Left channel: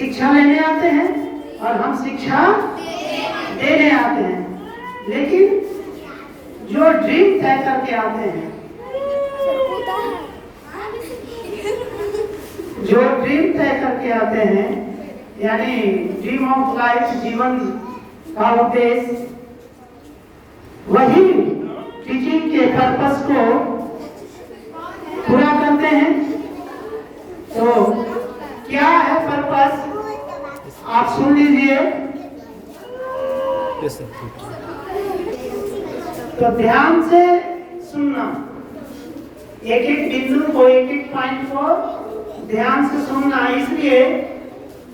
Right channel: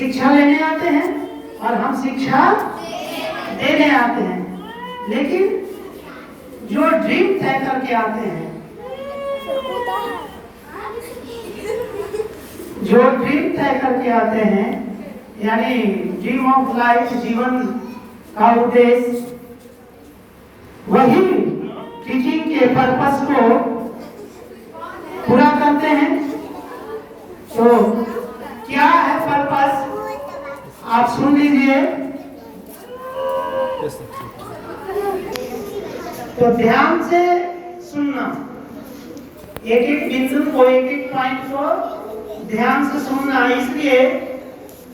शिक्षा लेने आते हैं और हम शिक्षा देने आते हैं। लेकिन जो ड्रीम तय करके आते हैं, जो ड्रीम तय करके आते हैं, यानी ड्रीम ऑफ लाइफ, जीवन का उद्देश्य, वही टीचिंग के पर्पस को पूरा करते हैं। तो क्या है पर्पस, आप सुन लीजिए। तो ध्यान से सुनना, एक एक बिंदु को, एक एक पॉइंट को ध्यान से सुनना, इसलिए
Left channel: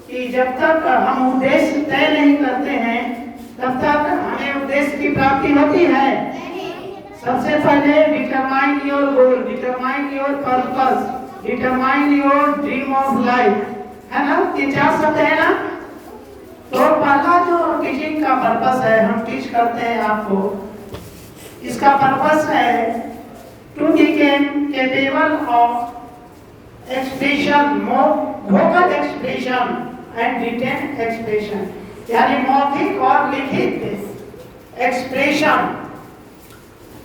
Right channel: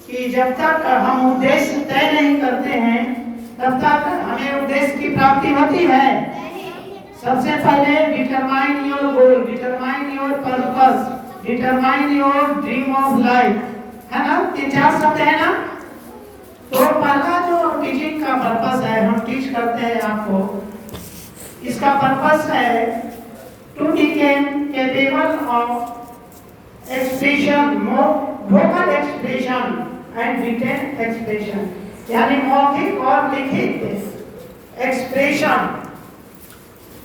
कि जब तक हम उद्देश्य तय नहीं करते हैं तब तक हमें उद्देश्य की प्राप्ति होती है। सबसे पहले determine your goal, determine your purpose, determine your dream of life, है ना? ये चार शब्द है ना? तो पहला जो टीचिंग का पर्पस है, हम टीच करते हैं आपको, इसका पर्पस है to become capable of expression, vocal expression and written expression, यानी मौखिक और लिखित एक्सप्रेशन।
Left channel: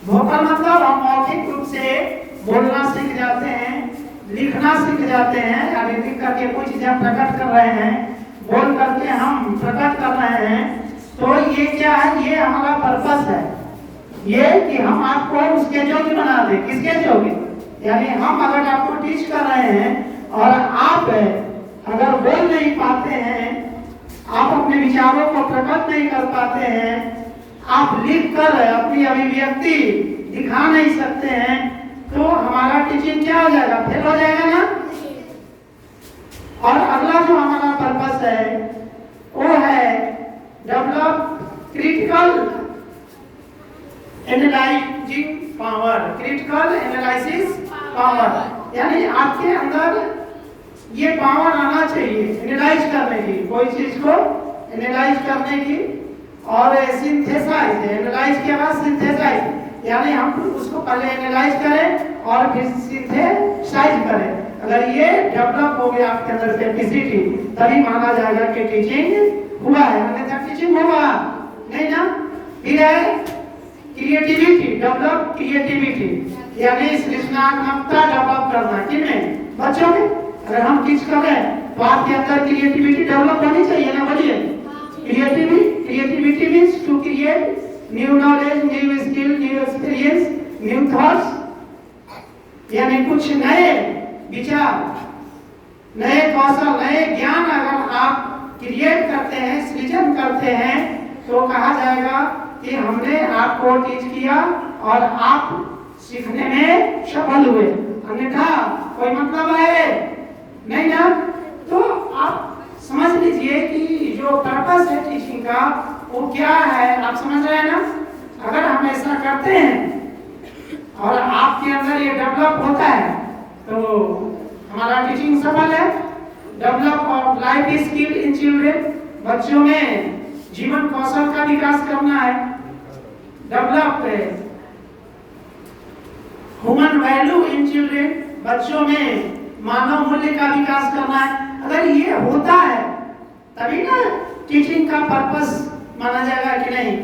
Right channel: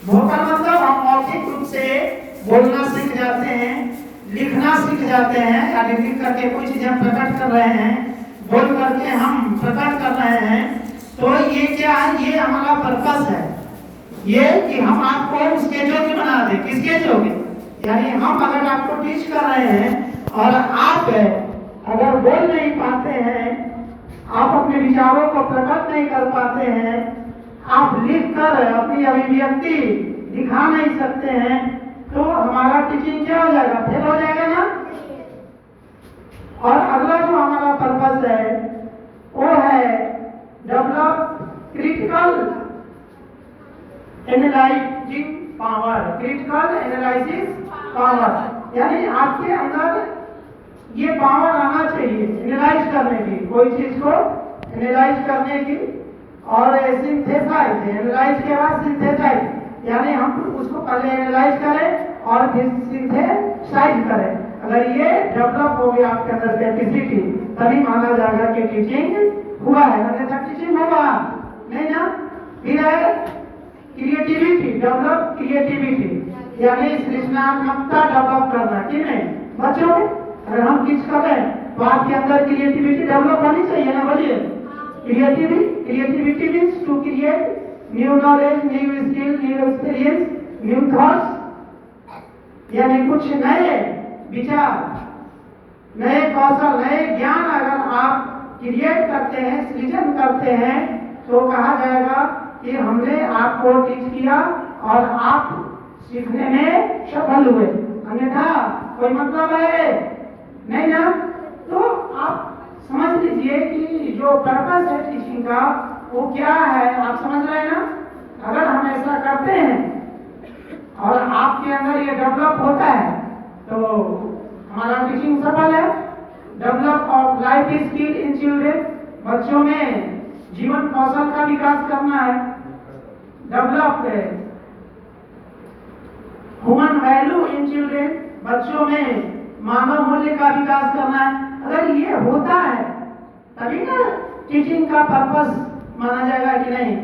वोकल मतलब हम मौखिक रूप से बोलना सीख जाते हैं, लिखना सीख जाते हैं, यानी लिख करके कोई चीज हम प्रकट कर रहे हैं, बोल करके हम प्रकट कर रहे हैं। तो ये क्या है, ये हमारा पर्पस है, ये कि हम आपको उसके योग्य बना दें। किसके योग्य? यानी हम अगर आपको टीच कर रहे हैं और आप अगर बोल नहीं पाते हैं, आप अपने विचारों को प्रकट नहीं कर पाते हैं, आप लिख कर अपनी अभिव्यक्ति दिखा नहीं सकते हैं, तो हमारा टीचिंग क्या हो जाएगा? फेल हो जाएगा ना। और अगला जो हमारा पर्पस है वो है develop critical analysing power, critical analysis power, यानी आपके अंदर ये पावर आना चाहिए एनालाइज करने की, कोई चीज को एनालाइज करने की। और सिंथेसाइज, एनालाइज के बाद सिंथेसाइज, यानी हम उसको पहले एनालाइज करें और फिर सिंथेसाइज करें। अगर ये डेवलप हो गया आपके अंदर कैपेसिटी, तभी माना जाएगा कि टीचिंग हुआ है, अन्यथा टीचिंग होगा नहीं ना। फिर है क्रिएटिविटी, डेवलप क्रिएटिविटी, यानी सृजनात्मकता डेवलप करना। किसमें? बच्चों में। अगर हम टीच कर रहे हैं तो आपके अंदर क्रिएटिविटी डेवलप होनी चाहिए ना। बोलिए, creativity means to create new knowledge, new skill, new experience, new thoughts, यानी कुछ नए विचार, नए कौशल, नए ज्ञान अगर आप क्रिएट करते हैं, सृजन करते हैं, तो कहा जाएगा कि हमने आपको टीच किया और आप सीखने में सफल हुए। अन्यथा कोई मतलब है नहीं ना। तो आप समझ लीजिए कि जो पर्पस है टीचिंग का वो क्या है, आप समझ रहे हैं ना। अगर हम ऐसा करते हैं और आपके अंदर ये डेवलप होता है तो हमारा टीचिंग सफल है। Develop of life skill in children, बच्चों में जीवन कौशल का विकास करना है। Develop human value in children, बच्चों में मानव मूल्य का विकास करना है। अगर ये होता है तभी ना टीचिंग का पर्पस माना जाएगा कि नहीं,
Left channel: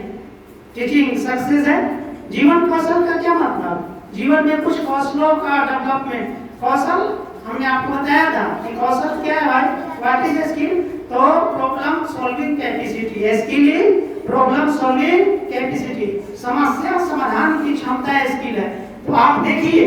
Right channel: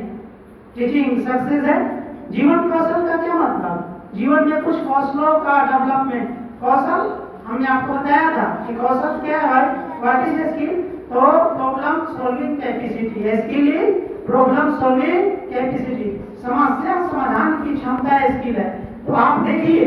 टीचिंग सक्सेस है। जीवन कौशल का क्या मतलब? जीवन में कुछ कौशलों का डेवलपमेंट। कौशल हमने आपको बताया था कि कौशल क्या है भाई, व्हाट इज स्किल? तो problem solving capacity, skill is problem solving capacity, समस्या समाधान की क्षमता स्किल है। तो आप देखिए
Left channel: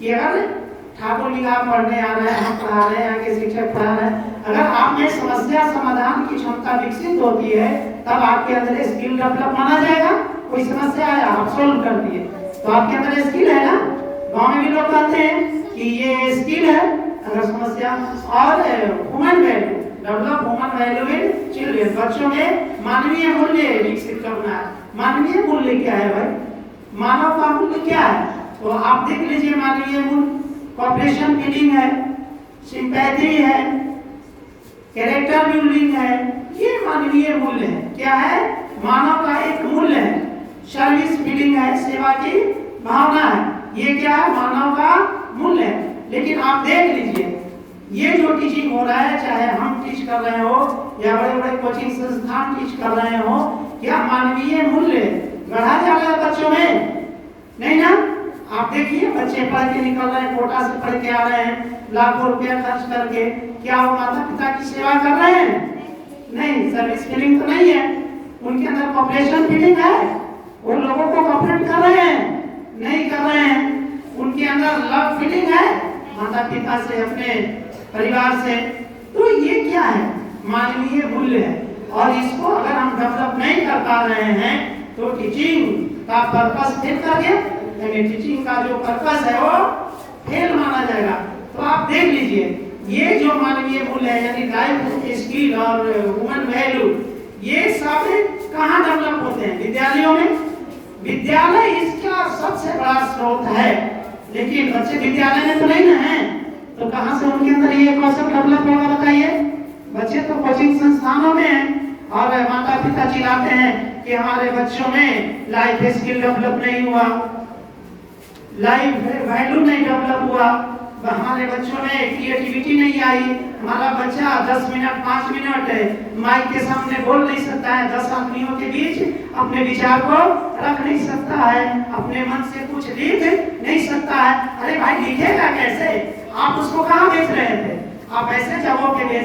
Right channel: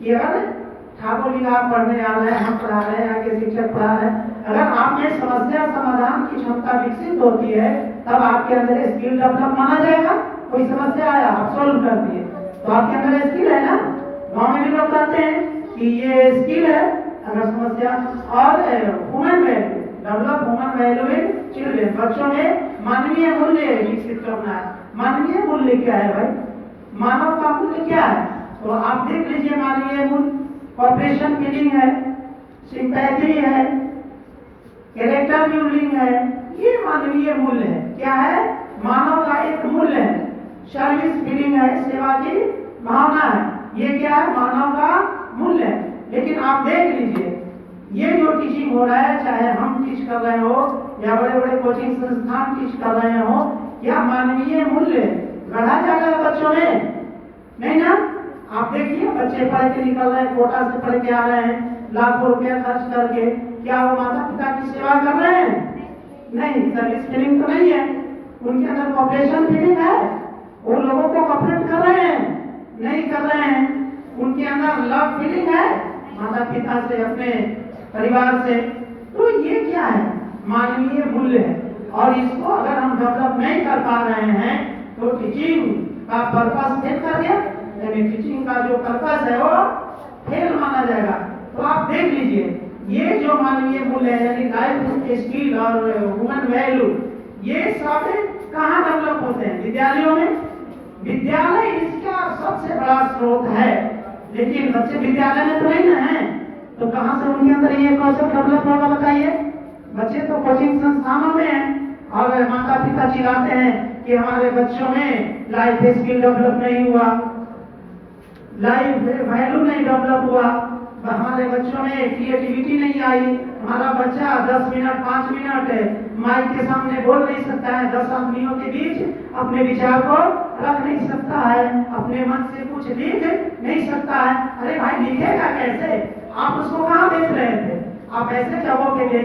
कि अगर ठाकुर जी आप पढ़ने आ रहे हैं, हम पढ़ा रहे हैं, आगे शिक्षक पढ़ा रहे हैं, अगर आप में समस्या समाधान की क्षमता विकसित होती है तब आपके अंदर स्किल डेवलप माना जाएगा। कोई समस्या आया आप सोल्व कर दिए तो आपके अंदर स्किल है ना। गाँव में भी लोग कहते हैं कि ये स्किल है अगर समस्या। और human value, develop human value in children, बच्चों में मानवीय मूल्य विकसित करना है। मानवीय मूल्य क्या है भाई? मानव का मूल्य क्या है? तो आप देख लीजिए मानवीय मूल्य, कॉपरेशन बिल्डिंग है, सिंपैथी है, कैरेक्टर बिल्डिंग है, ये मानवीय मूल्य है। क्या है? मानव का एक मूल्य है। सर्विस बिल्डिंग है, सेवा की भावना है, ये क्या है? मानव का मूल्य है। लेकिन आप देख लीजिए ये जो टीचिंग हो रहा है, चाहे हम टीच कर रहे हो या बड़े बड़े कोचिंग संस्थान टीच कर रहे हो, क्या मानवीय मूल्य गढ़ा जा रहा है बच्चों में? नहीं ना। आप देखिए बच्चे पढ़ के निकल रहे हैं, कोटा से पढ़ के आ रहे हैं लाखों रुपया खर्च करके, क्या वो माता पिता की सेवा कर रहे हैं? नहीं, सर्विस फीलिंग तो नहीं है उनके अंदर, पॉपुलेशन फीलिंग है, वो लोगों को कॉपरेट कर रहे हैं? नहीं कर रहे हैं। उनके अंदर लव फीलिंग है माता पिता से, अपने परिवार से। तो ये क्या है? मानवीय मूल्य है। और इसको अगर हम डेवलप नहीं कर पा रहे हैं तो टीचिंग का पर्पस फेल कर गया, यानी टीचिंग का जो पर्पस है वो फेल माना जाएगा। तो आप देख लीजिए, ये जो मानवीय मूल्य है यानी लाइफ स्किल और ह्यूमन वैल्यू, ये सब कहाँ डेवलप होते हैं? विद्यालयों में। विद्यालय इसका सबसे बड़ा स्रोत है, लेकिन बच्चे विद्यालय में तो नहीं ना है, तो कहाँ से उनके अंदर ये कौशल डेवलप होगा बताइए? बच्चे तो कोचिंग संस्थानों में हैं और माता पिता चिल्लाते हैं कि हमारे बच्चों में लाइफ स्किल डेवलप नहीं हुआ, लाइफ वैल्यू नहीं डेवलप हुआ, हमारे बच्चों में क्रिएटिविटी नहीं आई, हमारा बच्चा 10 मिनट 5 मिनट माइक के सामने बोल नहीं सकता है, 10 आदमियों के बीच अपने विचार को रख नहीं सकता है, अपने मन से कुछ लिख नहीं सकता है। अरे भाई लिखेगा कैसे? आप उसको कहाँ भेज रहे थे? आप ऐसे जगहों पे भेज